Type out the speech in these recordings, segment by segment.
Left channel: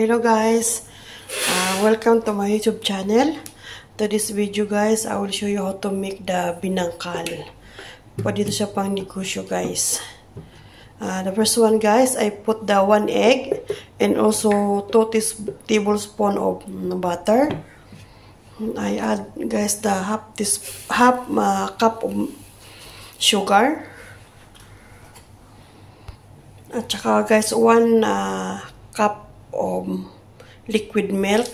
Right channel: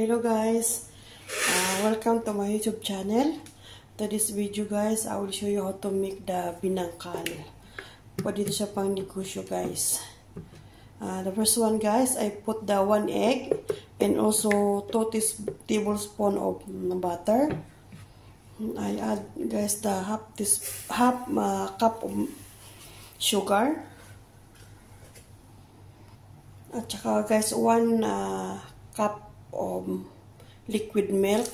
Hello guys, welcome to my YouTube channel. To this video guys, I will show you how to make the binangkal. Pwede ito siya pang negosyo guys. The first one guys, I put the 1 egg and also 2 tablespoons of butter. I add guys the half cup of sugar. At saka guys, 1 cup of liquid milk.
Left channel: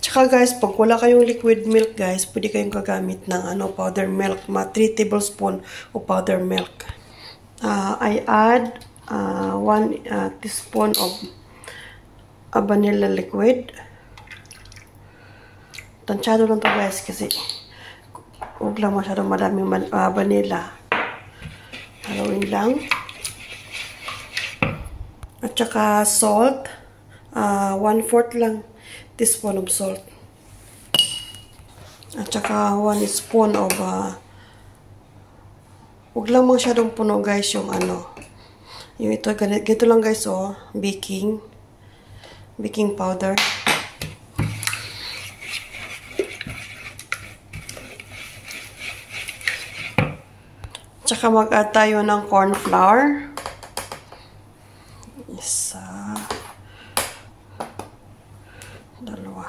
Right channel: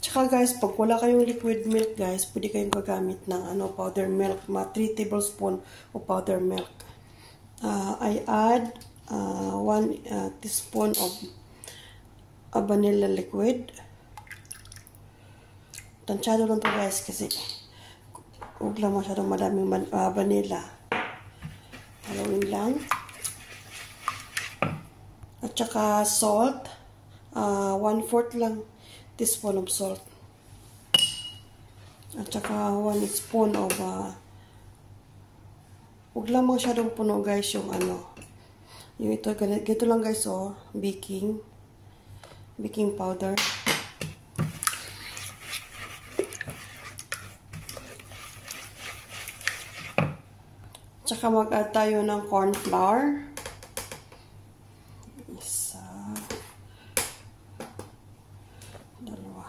Tsaka guys, pag wala kayong liquid milk guys, pwede kayong gagamit ng powder milk, 3 tablespoons of powder milk. I add 1 teaspoon of vanilla liquid. Tansyado lang to guys kasi huwag lang masyadong madaming vanilla. Haluin lang. At saka salt, 1/4 lang teaspoon of salt. At saka 1 spoon of huwag lang masyadong puno guys yung yung ito, ganito lang guys baking powder. At saka mag-add tayo ng corn flour. Isa, dalawa,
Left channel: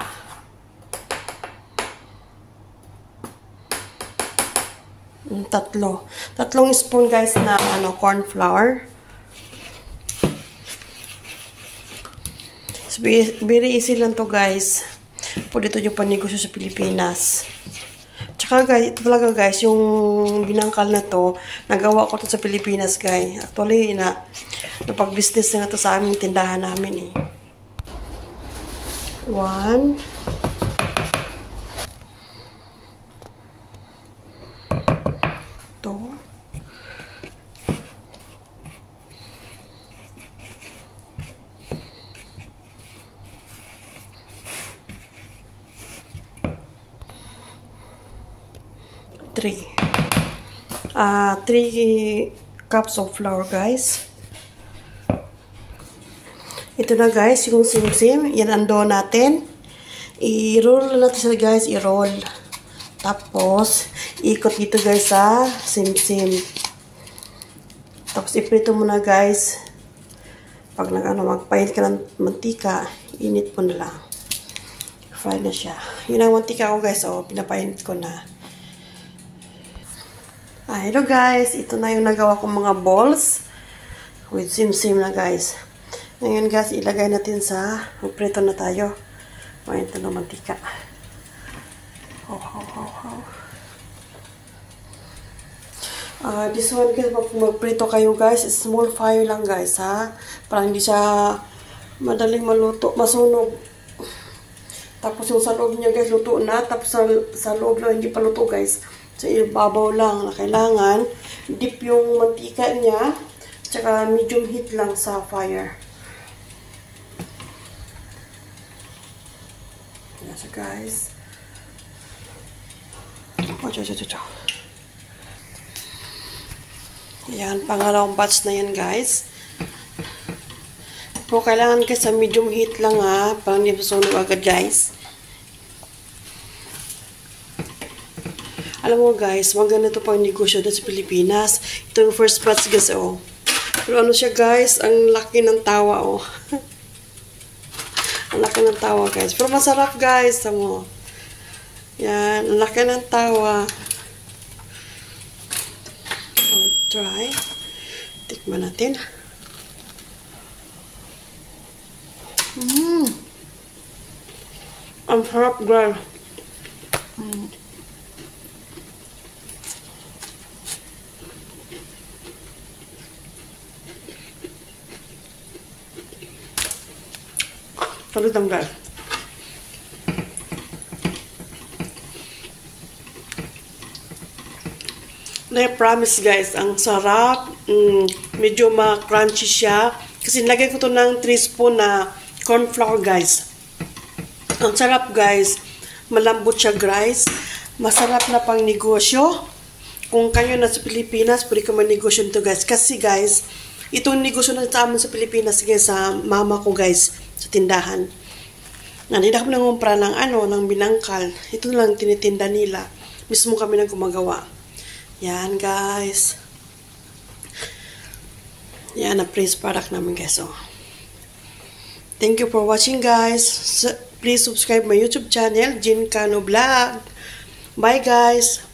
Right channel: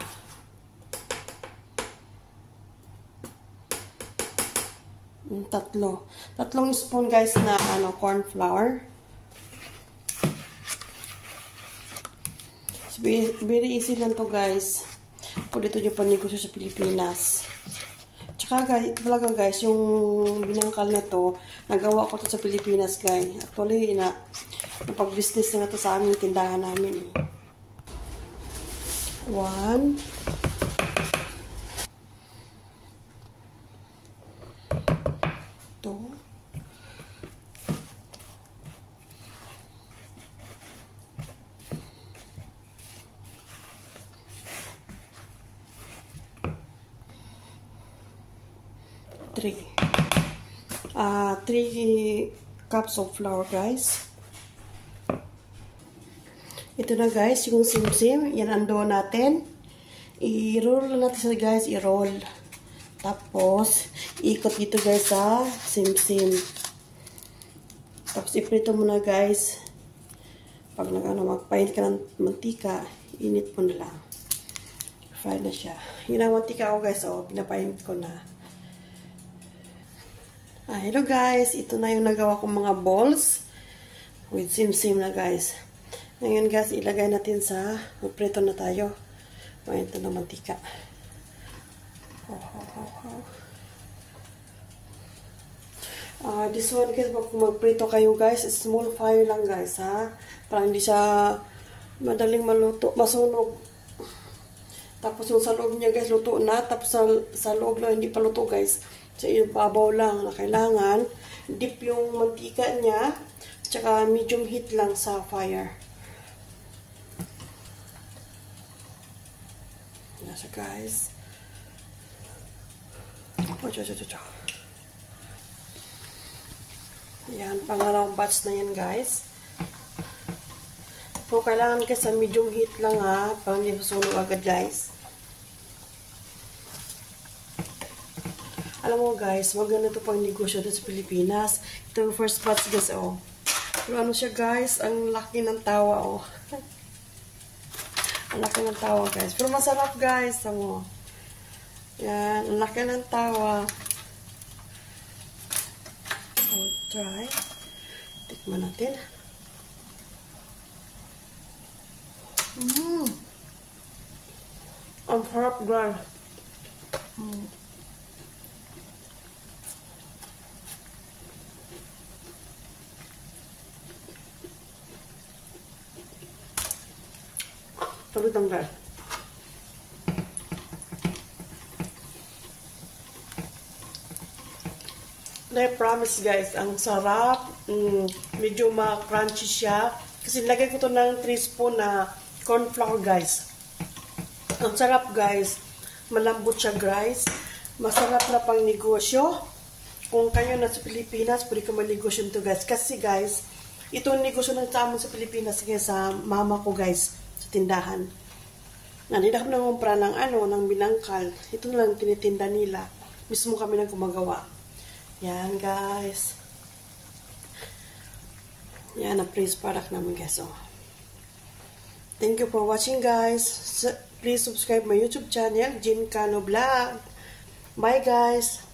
tatlong spoon guys na corn flour. So, very easy lang to guys. Pwede ito yung panegosyo sa Pilipinas. Tsaka guys, ito talaga guys, yung binangkal na to, nagawa ko to sa Pilipinas guys. Actually, napag-business na to sa aming tindahan namin 1, 2, 3 cups of flour guys. Ito na guys, yung simsim. Yan ang dough natin. I-roll natin siya guys, i-roll. Tapos, ikot dito guys sa simsim. Tapos, iprito mo na guys. Pag magpainit ka ng mantika, init mo na lang. Fry na siya. Yun ang mantika ko guys, pinapainit ko na. Hello guys, ito na yung nagawa kong mga balls with simsim na guys. Ngayon guys, ilagay natin sa magprito na tayo. Painit na ng mantika. This one guys, magprito kayo guys, small fire lang guys ha. Para hindi siya madaling maluto, masunog. Tapos yung sa loob niya guys, luto na. Tapos sa loob lang, hindi pa luto guys. So ibabaw lang na kailangan. Dip yung mantika niya. Tsaka medium heat lang sa fire. Yan siya guys. Yan, pangalawang batch na yan guys. Pero kailangan guys sa medium heat lang ha. Parang hindi masunog agad guys. Alam mo guys, maganda ito pang negosyo dito sa Pilipinas. Ito yung first batch guys Pero siya guys, ang laki ng tawa Ang laki ng tawa guys. Pero masarap guys, tamo. Yan, ang laki ng tawa. Try. Tikman natin. Ang sarap guys. Salut lang guys. Promise guys, ang sarap. Medyo ma-crunchy siya. Kasi nilagay ko to ng 3 spoon na corn flour guys. Ang sarap guys. Malambot siya guys. Masarap na pang negosyo. Kung kayo na sa Pilipinas, pwede ka manegosyo nito guys. Kasi guys, itong negosyo na sa amin sa Pilipinas guys, sa mama ko guys, sa tindahan. Hindi na kami nangumpra ng ng binangkal. Ito lang tinitinda nila. Mismo kami nang gumagawa. Yan guys. Yan, na-praise product namin guys. Oh. Thank you for watching guys. Please subscribe my YouTube channel, Jean Cano Vlog. Bye guys.